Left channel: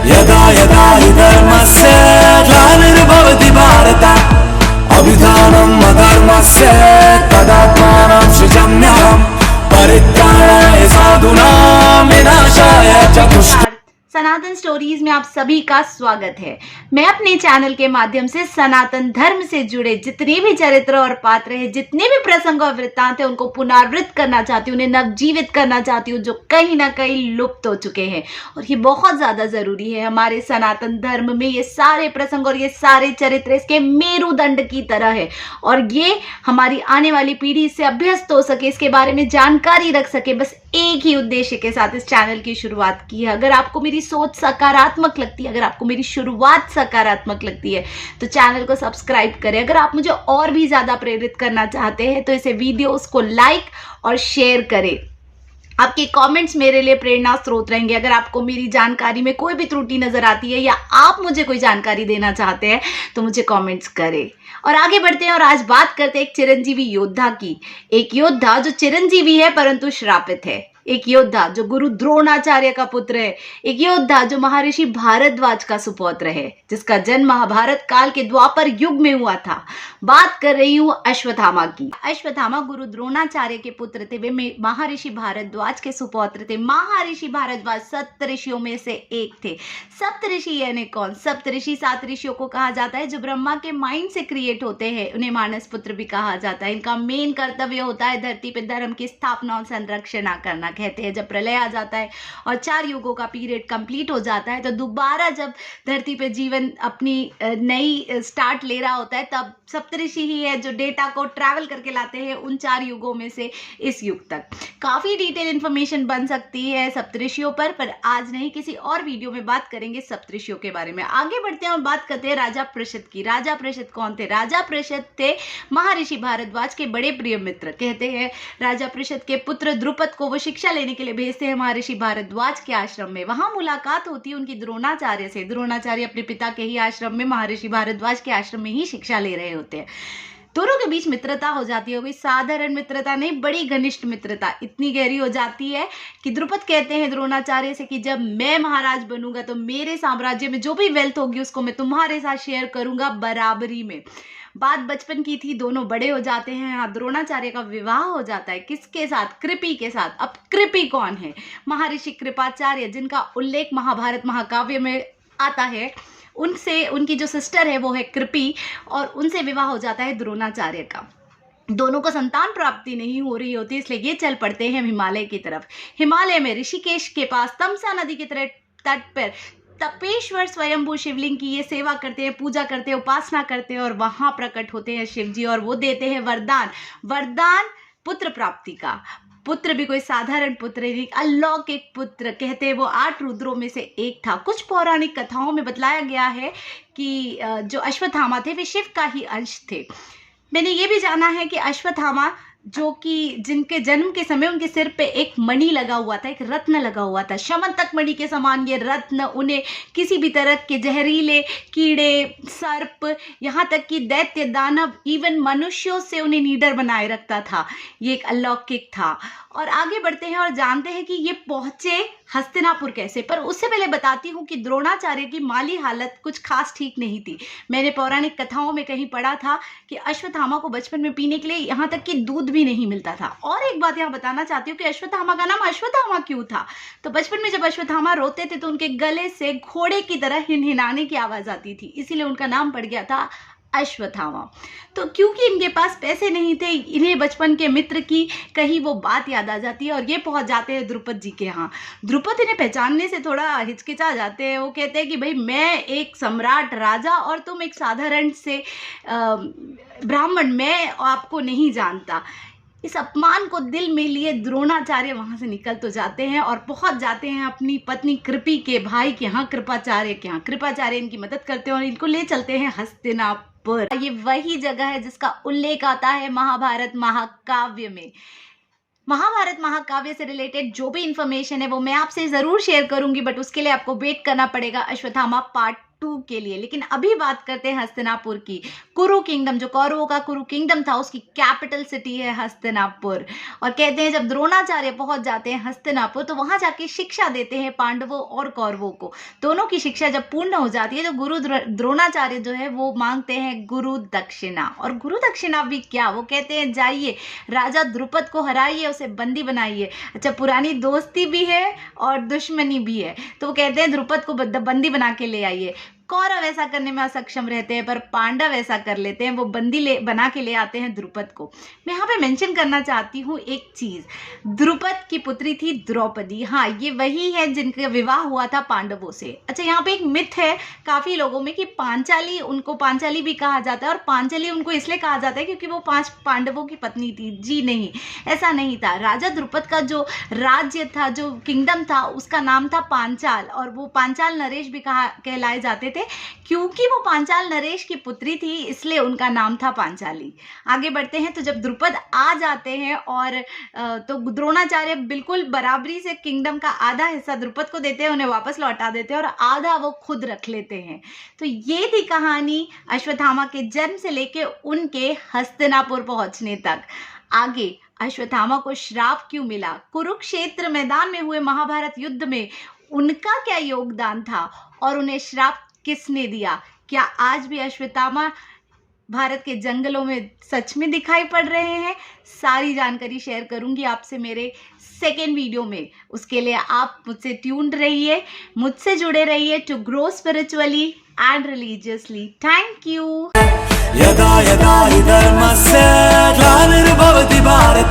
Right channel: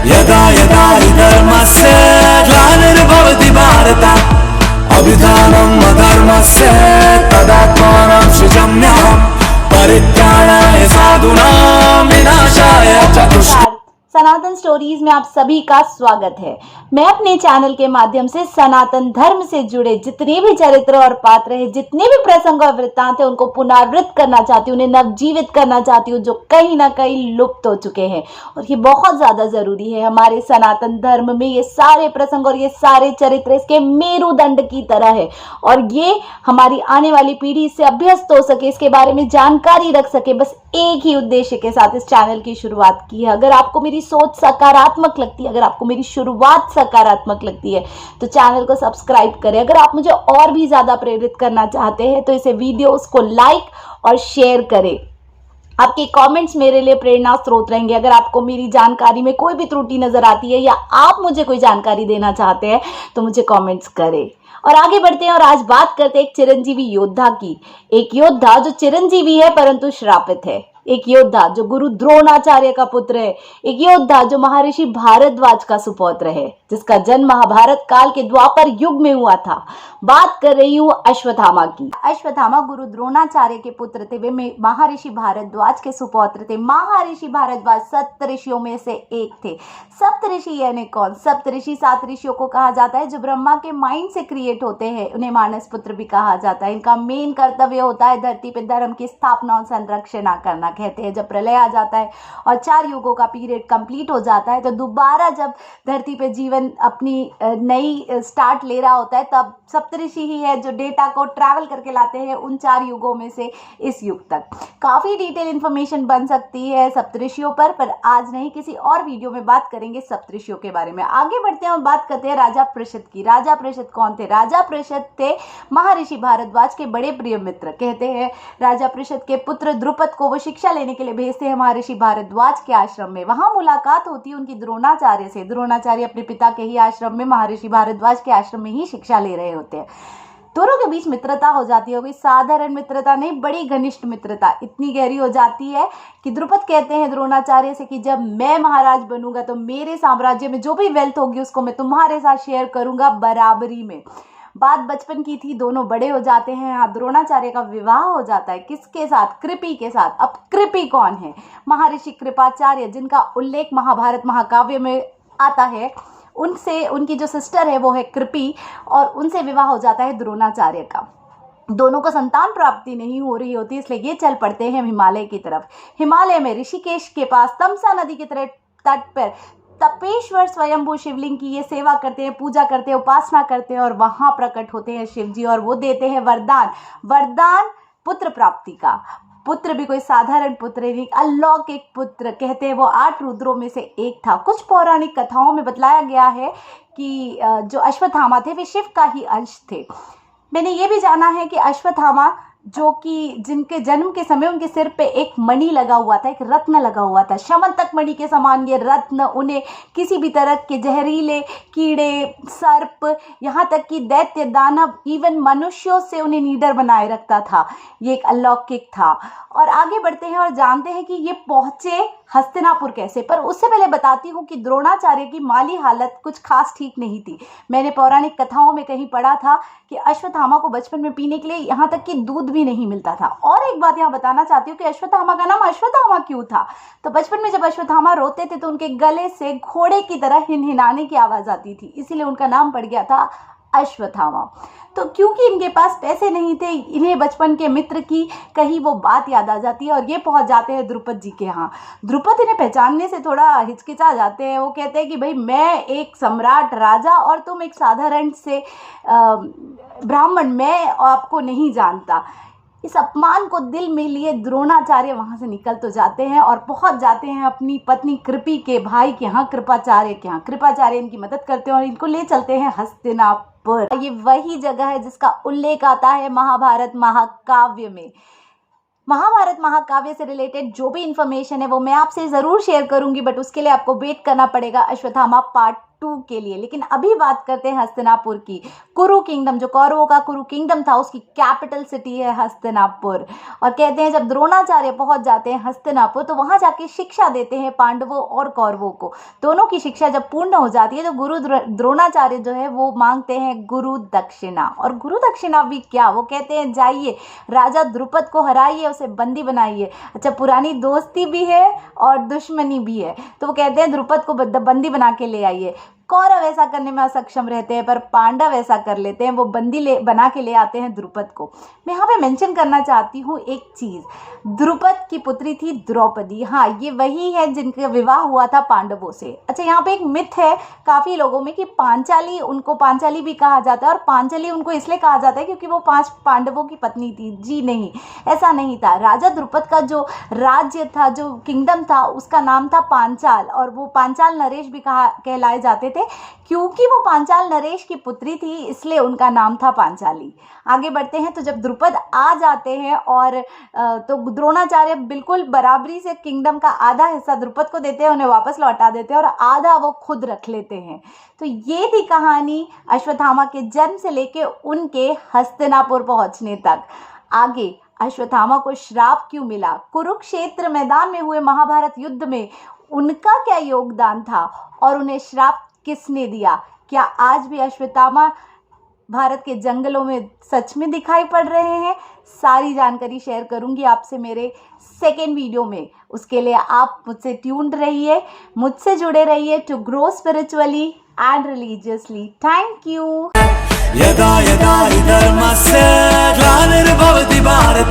यदा यदा हि धर्मस्य ग्लानिर्भवति भारत अभिधानम् अधर्मस्य तदात्मानं सृजाम्यहम् परित्राणाय साधूनां विनाशाय च दुष्ट। सनातन स्टोरीज में आप सभी का स्वागत है। मैं अपने चैनल के माध्यम से सनातन धर्म से जुड़े जितने भी चरित्र और पात्र हैं, जितने भी प्रसंग और वृत्तांत हैं, उनको पुनरावृत्त करना चाहती हूँ, उन्हें नवजीवित करना चाहती हूँ, जो कहीं ना कहीं लुप्त हो चुके हैं। और ये बहुत ज्यादा जरूरी है हमारे सनातन धर्म में। ये सारे प्रसंग और ये सारे चरित्र इसके मेरुदंड की तरह है, और ये हमारी आने वाली पीढ़ी इससे अभ्यस्त हो सके, इसके बारे में जानकारी रख सके। बस एक ही उद्देश्य के साथ इस चैनल की शुरुआत की है। अगर आपको मेरी सोच सकारात्मक लगती है, अगर आपको मेरी शुरुआत सकारात्मक लगती है, तो चैनल को सब्सक्राइब करें। अगर आप मुझे और भी ज्यादा प्रेरित करना चाहते हैं तो इसे वीडियोस को लाइक और शेयर करें। आपके कमेंट्स मेरे लिए प्रेरणा स्रोत रहेंगे। अगर आपको मेरी जानकारी में कोई भी त्रुटि नजर आती है या आप मुझे कोई जानकारी देना चाहते हैं तो मुझे कमेंट्स करें। और आगे बढ़ते हैं और आज बात करते हैं एक चिरंजीवी योद्धा की। एक योद्धा जो चिरंजीवी है परंतु श्रापित है। एक योद्धा जो गुरु द्रोणाचार्य का पुत्र है। एक योद्धा जो महर्षि भारद्वाज का सुपौत्र है, जिसका जन्म महाभारत काल के द्वापर युग में हुआ था। बात कर रही हूँ अश्वत्थामा की। अश्वत्थामा गुरु द्रोणाचार्य के पुत्र थे। वे महर्षि भारद्वाज के सुपौत्र थे। महर्षि भारद्वाज सप्तऋषियों में से एक थे। सप्तऋषि यानी कौन? सप्तऋषि 7 ऋषियों को कहा जाता है जो ब्रह्मा के माइंड से क्रिएट होते हैं। उन्हें मानस पुत्र भी कहा जाता है। इनका मेन कर्तव्य होता है धरती पर धर्म की स्थापना और संरक्षण करना। कहते हैं जब प्रलय आ जाता है और 4 युगों का पीरियड कंप्लीट हो जाता है, तो दोबारा जब धरती पे जीवन अपनी नई स्टार्ट ले रहा होता है, तब सप्तऋषि ही है जो डेटा को ट्रैवल करके लाते हैं उन 4 युगों में से इस युग तक। काफी डिटेल इंफॉर्मेशन बन सकती है सप्तऋषियों पर आज नहीं, किसी और वीडियो में बात करेंगे सप्तऋषियों के बारे में। आगे बढ़ते हैं और बात करते हैं राजा पृषद की। राजा पृषद कौन थे? राजा पृषद थे महर्षि भारद्वाज के बड़े प्रिय मित्र। कहते हैं राजा पृषद के पुत्र द्रुपद को वो शिक्षा लेने के लिए भेजते हैं महर्षि भारद्वाज के आश्रम में। वहां मुलाकात होती है उनकी द्रोणाचार्य से। द्रोणाचार्य अपने पिता के ही आश्रम में, महर्षि भारद्वाज के आश्रम में ही शिक्षा ले रहे होते हैं। दोनों के बीच मित्रता हो जाती है। कोई साधारण मित्रता नहीं, बड़ी घनिष्ठ मित्रता। इतनी गहरी हो जाती है कि द्रुपद कहते हैं द्रोणाचार्य से कि जब मैं महाराज बनूंगा तो मेरे साम्राज्य में जो भी वेल्थ होगी उसको मैं तुम्हारे साथ शेयर करूंगा बराबरी में। बात बचपन की थी, दोनों बड़े हो जाते हैं। हाँ, द्रोणाचार्य का विवाह हो जाता है। किसके साथ? कृपि के साथ। अब कृपि कौन है? महर्षि कृपाचार्य, जिनका उल्लेख महाभारत महाकाव्य में आता है। उनसे उनकी जो सिस्टर है वो है कृपि, और उनसे विवाह हो जाता है द्रोणाचार्य का। दोनों को संतान प्राप्ति नहीं हो रही होती, इसलिए ये चल पड़ते हैं हिमालय की तरफ। हिमालय में ऋषिकेश के पास तमसा नदी के तट पर तपेश्वर स्वयंभू शिवलिंग की ये सेवा करते हैं, पूजा करते हैं, उपासना करते हैं, और वहां प्रकट होते हैं शिव जी और वो देते हैं वरदान पुत्र प्राप्ति का। पुत्र भी कोई साधारण पुत्र नहीं, अलौकिक पुत्र। कहते हैं वो 8 रुद्रों में से एक था। कुछ पौराणिक कथाओं में बतलाया गया है कि जो अश्वत्थामा थे वे शिव का ही अंश थे। मैंने ये भी जाना है कि अश्वत्थामा जो कि जिनके जन्म के समय उनके सिर पे एक मणि लगा हुआ था, एक रत्न लगा हुआ था, शमंतक मणि के समान ये रत्न उन्हें किसी भी तरह के जहरीले कीड़े, सर्प, यहाँ तक कि दैत्य, दानव, इवन मनुष्यों से उन्हें निडर बनाए रखता था। ये एक अलौकिक था। और आगे बढ़ते हैं और जानते हैं कि ये पहुंचे हस्तिनापुर कैसे। पर उससे पहले बताती हूँ कि द्रोणाचार्य की माली हालत कुछ खास ठीक नहीं थी। मैंने पौराणिक कथाओं में कहीं पढ़ा था कि अश्वत्थामा को बचपन में पीने के लिए यहाँ तक कि दूध भी नहीं मिलता था। और एक बात यहाँ बताना चाहती हूँ कि अश्वत्थामा का नाम अश्वत्थामा क्यों था। तो बचपन में जब अश्वत्थामा रोते थे तो उनके गले से घोड़े की तरह हिनहिनाने की आवाज आती थी, इसीलिए उनका नाम पड़ गया था अश्वत्थामा। तो क्योंकि इनके पास पैसे नहीं थे, इन्हें बचपन के मित्र की कहीं वो बात याद आ जाती है और ये पहुंच जाते हैं द्रुपद जी के यहाँ। द्रुपद इन्हें पहचानने से थोड़ा हिचकिचा जाते हैं। वो कहते हैं कि भाई मैं एक सम्राट राजा और तुम एक साधारण से ब्राह्मण, मैं आपको नहीं जानता। इस अपमान को दिल में लिए द्रोणाचार्य वहां से निकल तो जाते हैं और पहुंच जाते हैं अपनी पत्नी कृपि के भाई के यहाँ, कृपाचार्य के यहाँ। कृपाचार्य इनकी मदद करते हैं और इनको ले चलते हैं हस्तिनापुर। ये वही जगह है जिसका उल्लेख आता है महाभारत महाकाव्य में। महाभारत महाकाव्य से रिलेटेड जो भी इंफॉर्मेशन है वो मैं आपसे ज़रूर शेयर करूंगी, बट उसके लिए आपको वेट करना पड़ेगा अश्वत्थामा पार्ट 2 के लिए। लेकिन अभी बात करते हैं हस्तिनापुर की। कुरु किंगडम, जो कौरवों का कुरु किंगडम था, उसकी कैपिटल सिटी है हस्तिनापुर। और कहते हैं जब द्रोणाचार्य पहुंच जाते हैं हस्तिनापुर तो वहां जाके शिक्षा देते हैं पांडवों और कौरवों को। दोनों की शिक्षा जब पूर्ण हो जाती है तो गुरु द्रोणाचार्य जो है वो मांगते हैं गुरु दक्षिणा। और गुरु दक्षिणा भी क्या, वो कहते हैं जाइए राजा द्रुपद को हराइए, उसे बंदी बनाइए। अच्छा, पुरानी दोस्ती भी है और दुश्मनी भी है, तो वो कहते हैं द्रुपद को बंदी बना के ले आइए। कौरव ऐसा करने में असक्षम रहते हैं पर पांडव ऐसा कर लेते हैं, वो बंदी बना के ले आते हैं द्रुपद को। मैं यहाँ पे मेंशन करना चाहती हूँ एक चीज़, द्रुपद की पुत्री थी द्रौपदी। हाँ, ये वही है जिनका विवाह हुआ था पांडवों से। अच्छा, यहाँ पे एक मिथ है काफ़ी लोगों में कि पांचाली, उनको पांचाली भी कहा जाता है और पांचाली उनको इसलिए कहा जाता है क्योंकि वो 5 पांडवों की पत्नी थी। जी नहीं, ऐसा नहीं था। राजा द्रुपद का जो राज्य था, जो किंगडम था, उसका नाम था पांचाल, और वो पांचाल नरेश भी कहलाए जाते थे क्योंकि वो पांचाल नरेश की पुत्री थी, इसलिए उनका नाम था पांचाली। आगे बढ़ते हैं तो जब द्रुपद आ जाते हैं और तो द्रोणाचार्य बिल्कुल बराबरी से किंगडम का आधा हिस्सा द्रुपद को देते हैं, उन्हें वापस लौटा देते हैं और आधा वो खुद रख लेते हैं। तो ये थी कहानी अश्वत्थामा के जन्म से लेके उनके हस्तिनापुर पहुंचने तक। आगे अश्वत्थामा को श्राप क्यों मिला, कुरुक्षेत्र मैदान में हुए महाभारत युद्ध में उनका क्या योगदान था और उन्हें श्राप किसने दिया, क्या आज भी अश्वत्थामा भारत के जंगलों में सच में दिखाई पड़ रहे हैं, सारी जानकारी शेयर करूंगी आपसे मेरे सेकेंड वीडियो में। उसके लिए आप मुझसे ट्यून्ड रहिए, मुझसे जुड़े रहिए to grow spiritually and religiously. Thank you. यदा यदा हि धर्मस्य ग्लानिर्भवति भारत।